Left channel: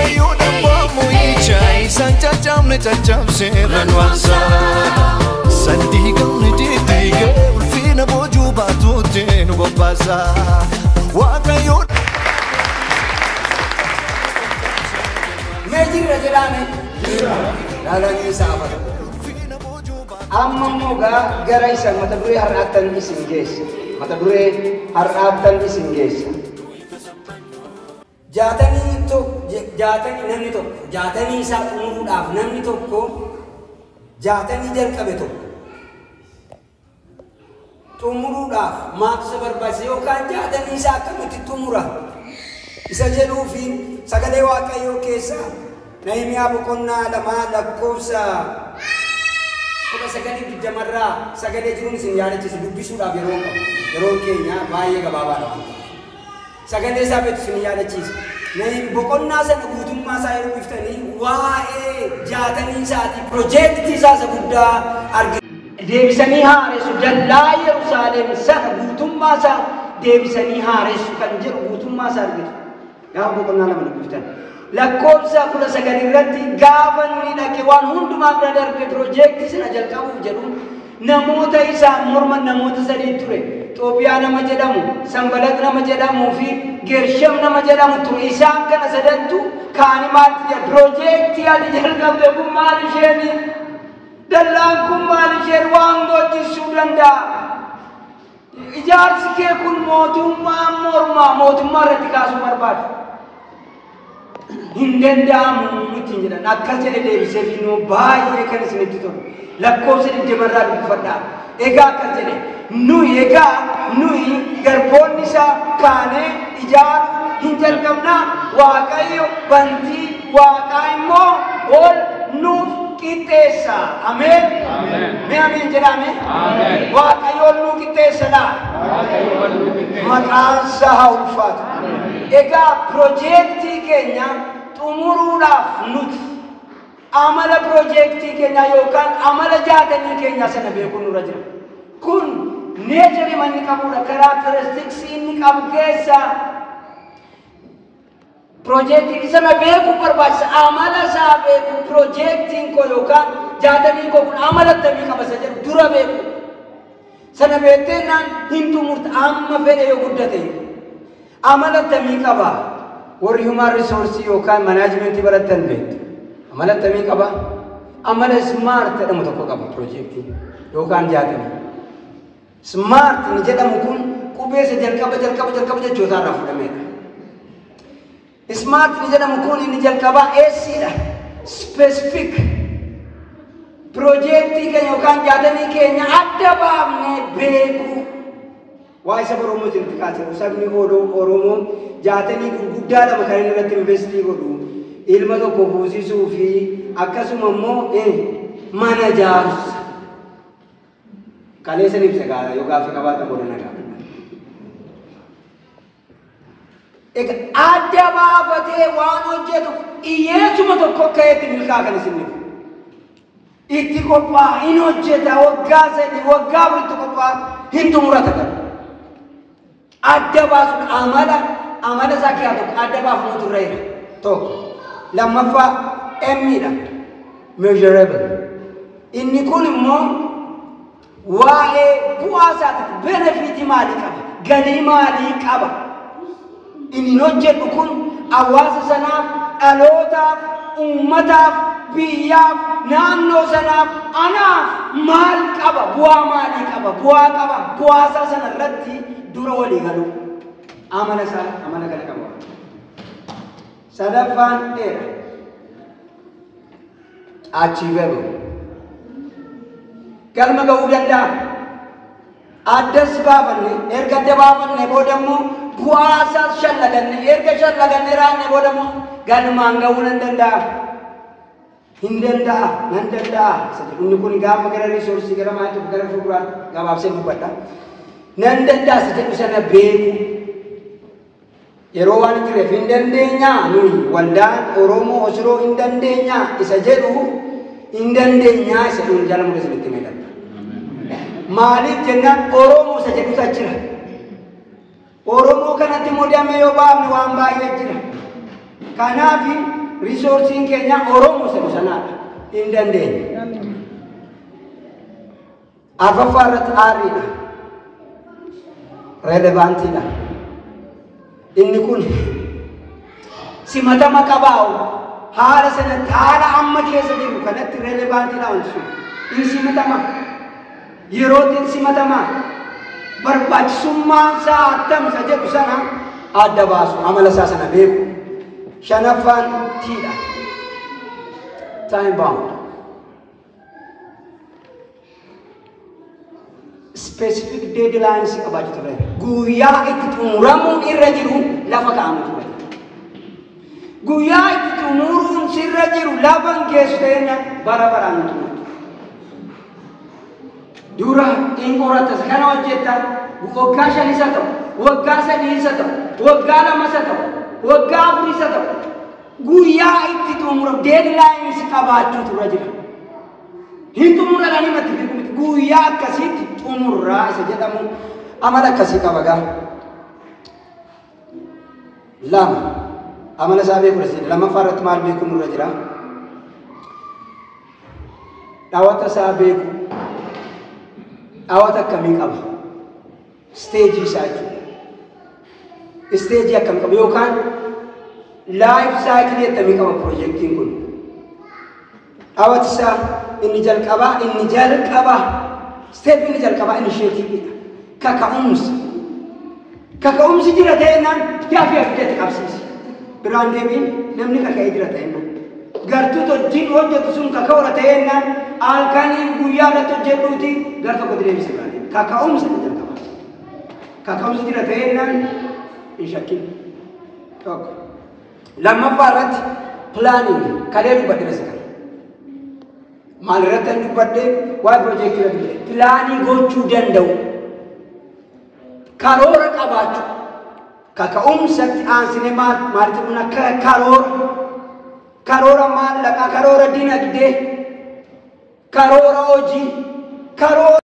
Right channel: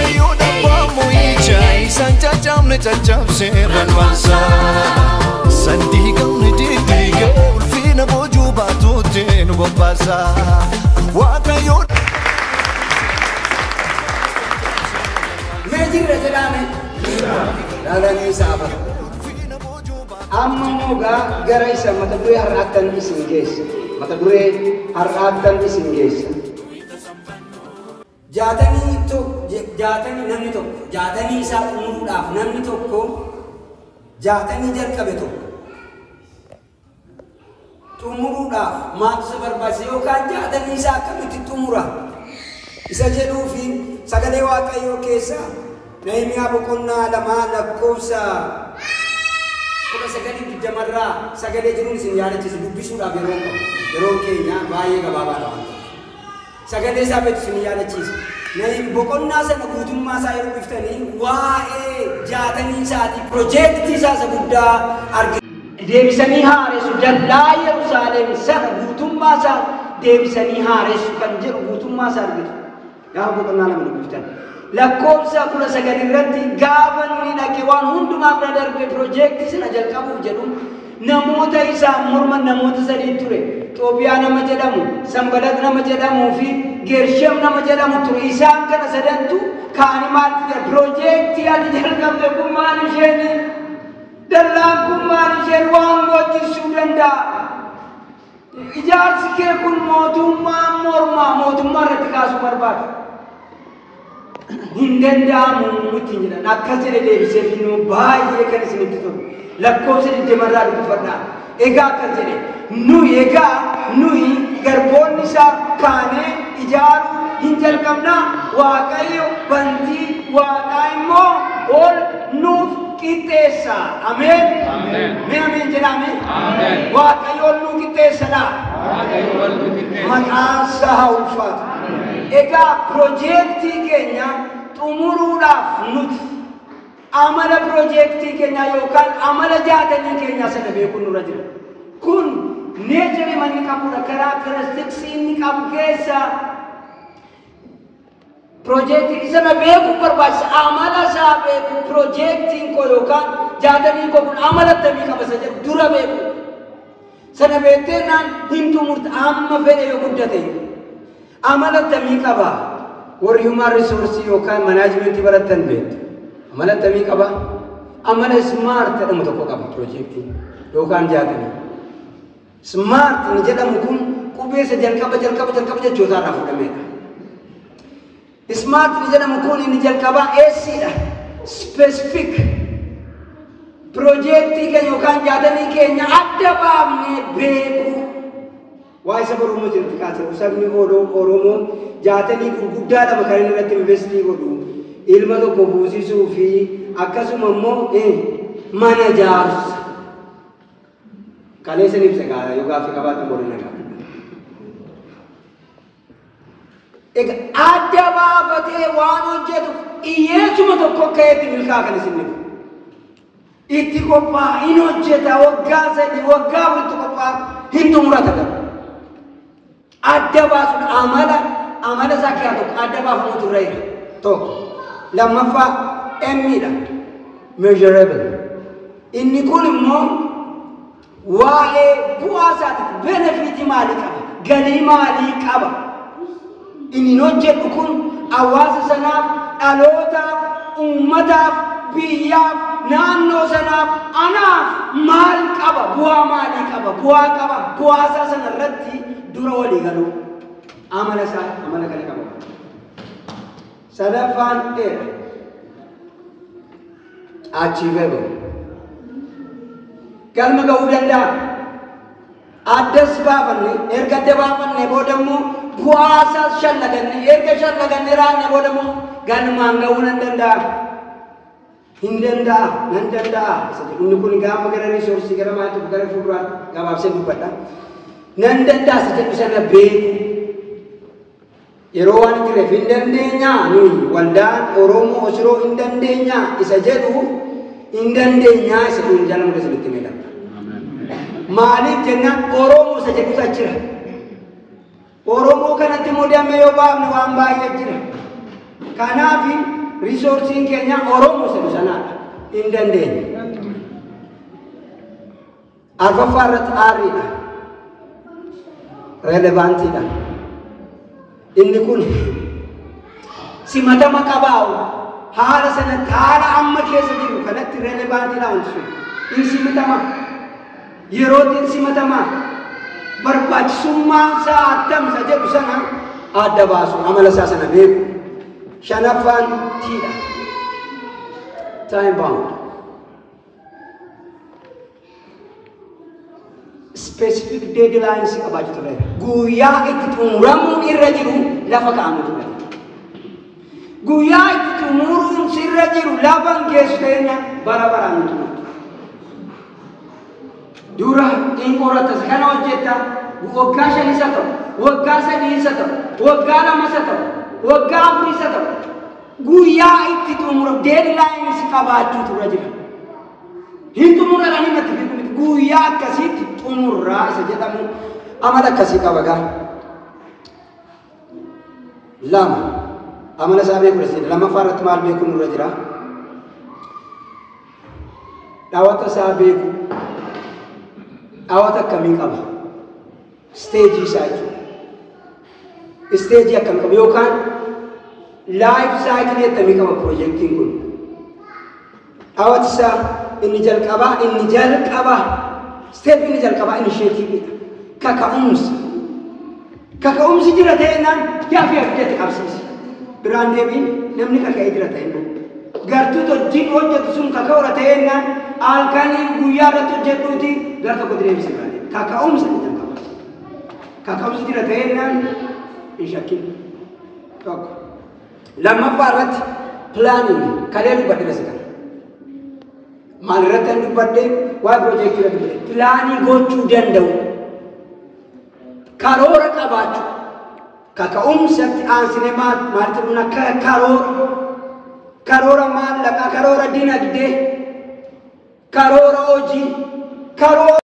waaqayyo dhabbamu ija isaan cacamne cacabseerran wansa sandii gamne diddiige ulfina boojuu baatuutti nu bobbaasa waaqayyo Mejirra jedhame dhalanii saafata amma moga gara isa mata duree har'aattan isin geessa mata duree har'aattan isin geessa jaatanii namni tokko jaatanii isaa xumuruudhaaf namni tokko jaatanii jalqabe tokko xumuruudhaaf maaltu isa barbaachisa yookaan jaatanii isaa akkamitti xumura isa jedhuu fi sagalee waaqayyoo keessa Nehemiyaa boqonnaa 2 lakkoofsa 19 sagalee jiruun isin yaadachiisu dubbisuudhaaf yeroo keenya baay'ee gabaabaadha. Sagalee isaa beektu isin yaadachiisa. Nehemiyaa boqonnaa sana guutummaa isaa yeroo biftanii waa'ee jaatanii isaatii piroojeektii isaa guddaa argina. Deebisanii haaressu dallaa Yerusaalem sana guutummaa isaa deebisanii haaressu kan jedhu guutummaa isaa argitu. Gaafa boqonnaa 2 dubbiftan. Lakkoofsa 19 irratti gaafa nuni dhaqee waan hundumaa bira darbe piroojeektii sana jalqabuuf jedhu namoota isaa morman namoota sadii ture. Xoobiyaa nama jedhamu, Sanbalat nama jedhamuu fi Geershem nama jedhamu ture. Isaan kana sadantu kaanii maalti jedhu piroojeektii ati jalqabde kun maal isheeni? Dallaan kun maal isheen waan gochisuuf danda'a? Ijaarsi kee kun mootummaa irratti kaasuu barbaada. Hindanda'amu ittiin jedhan akkas jedhe deebisee filnuu baay'ee kan isinitti tolu lakkoofsa 20 dubbifadhaa. Egaa akkas jedhe nuyi garboonni isaa kaanee ijaaruu hin jalqabnaa waaqayyo bantii waaqaa immoo ol nuuf qixxeessa. Ameen. Mee ameen jedhame. Waaqayyo ol nuuf qixxeessadha. Maqaan isaa haa ulfaatu. Egaa piroojeektii keenya xumuruudhaaf nuti amala piroojeektii keenya yookaan amala jaatanii keenya sana beekuun nurra jira. Kun neechirri manni qabudha. Karaakteristiksii inni qabu keessa piroojeektii sana beekuun barbaachisa. Amala isaa beeku piroojeektiin koo yookaan jaatanii koo kun amala akkamii qaba isa jedhu dura beeku. Sana beekteenaan hin xumurta amma fedhe yoo guddate. Amala akkamii qaba? Warri human resource yookaan manaajimentii baratan beektu. Amala akkamii qaba? Amala smart jedhamu tokko qaba piroojeektii yookaan jaatanii. Smart ni jedhamu kun qubeessa jalqaba jechoota irraa fudhameedha. Smart ni jedhamu kun inni jalqabaa eessidha? Specific. Piroojeektii keenya yookaan jaatanii keenya adda baafnee beeku. Waa isa Oromoo jirti kaasee sabni Oromoo jaatanii gurguddaa lama kan inni irratti investii godhu ilma tokko buusisuu fi akkasuma immoo mana ijaarsa. Kaleessa ibsa gaara yookaan fi qabaatan godhana qaba. Egaa adda baafatee waan hojjetu hiyyeessuma tokko akka itti milkaa kan isin dhibu. Itti qophaa'a hin hojjeta waggaa 3 waggaa 4 qophaa'a hin xumurata qaba. Adda baasuun amala isaa keessaa tokko adda baafamu turreera tokko. Lammaffaa emmidha measurable. Inni kun immoo waa'ee bu'aa isaatiif benefitii maalii qaba? Galii maalii qaba? Inni hojjedhu kun hawaasa sanaaf, dhalootaaf, uummataaf, biyyaaf, naannoo sanaaf, anaaf maal qaba? Bu'aa maalii qaba? Bu'aa qaba. Bu'aa isaa sana irratti dura walii galuu amala gala qaba. Sadaffaan achievable. Galma ga'uu danda'a. Addas baafanne erga adda baafanne booda immoo bu'aa isaas shallaganne erga shallaganne raanne booda immoo galmaan ga'uu nan danda'a. Hin danda'a nan danda'a. Inni kun gaafa gara riisoorsii gara maatii gara fuulduraatti gabaabsee dubbadha. Nan danda'a jedhu sana beeku. Yeroo waan jireef hin dandeenyaa nuyi waldaan Oromoo Osiroo hin dandeenyaa isa jedhu hin dandeenyaa isa dhuun jala mudasa itti meedha. Maaliif jennaan Oromoo isa jedhu jira. Oromoo kanatti mudamee yoo baafne waan baay'ee jira. Kanaaf resourcing keenya Oromoo sanaadha. Hin dandeenye. Arfaffaa irratti aariidha. Relevantiidha. Inni kun simatama qabaa'u haala sanatti haala amma keessa jiru kanatti relevantiidha wanti sun. Inni simatama. Yerootiin simatama. Barbaachisummaan isaa attamsa jedhu sana adda baasu amala isaa sana beeku. Shanaffaan tiidha. Time bound. Specific deadlines qabaachuu ture. Guyyaa itti xumuramuu irra jiru lafa kaa'amu ture. Guyyaa itti xumuruun sirra jiru lafa geessu ta'enna bara baraan ture. Dura in qoratas kana hojjetta waggaa 5 isa ta'u, waggaa 3 isa ta'u, waggaa 2 isa ta'u, waggaa 4 isa ta'u. Guyyaa itti xumuramu deadlines qabaachuu ture jira. Hin xumuradhanii matti beeku miti. Guyyaa akkasiitti xumurraa isa jedhamu amala akkasii qaba gara. Lama amala isaa beeku dha. Lammaffaa irratti maal beeku nurra jira? Dhaawata isaa beeku. Dhaawata akkamii qaba? Steejii isaa jechuudha. Steejii akkamii qaba yookaan life cycle akkamii qaba projektiin kun? Dhaawati isaa inni jalqabaa step inni jalqabaa initiativeidha. Kaka'umsi jira ta'ennaan yaafii abidatti qabsiisi. Biraan deebiin namni kaka'ee jira ta'ennaan. Gartuu hojjetu sun kaka'uura ta'ennaan halkanii guyyaa irratti hojjedhuuti gara tokko deebisee biraan deebi. Kaka'umsa inni jalqabaa. Kaka'umsi jira ta'ennaan hin shakkin. Tokko. Lammaffaa irratti planning kalee dubbadhe rasikan. Maal irratti dubbadhe waa'ee projektii irratti dubbadhe. Pilaanii gochuu danda'u. Karoora qabaachuu. Kaka'umsatti aansine maalitti dhumna karoora maallaqaa, karoora dinagdee, karoora hojii, karoora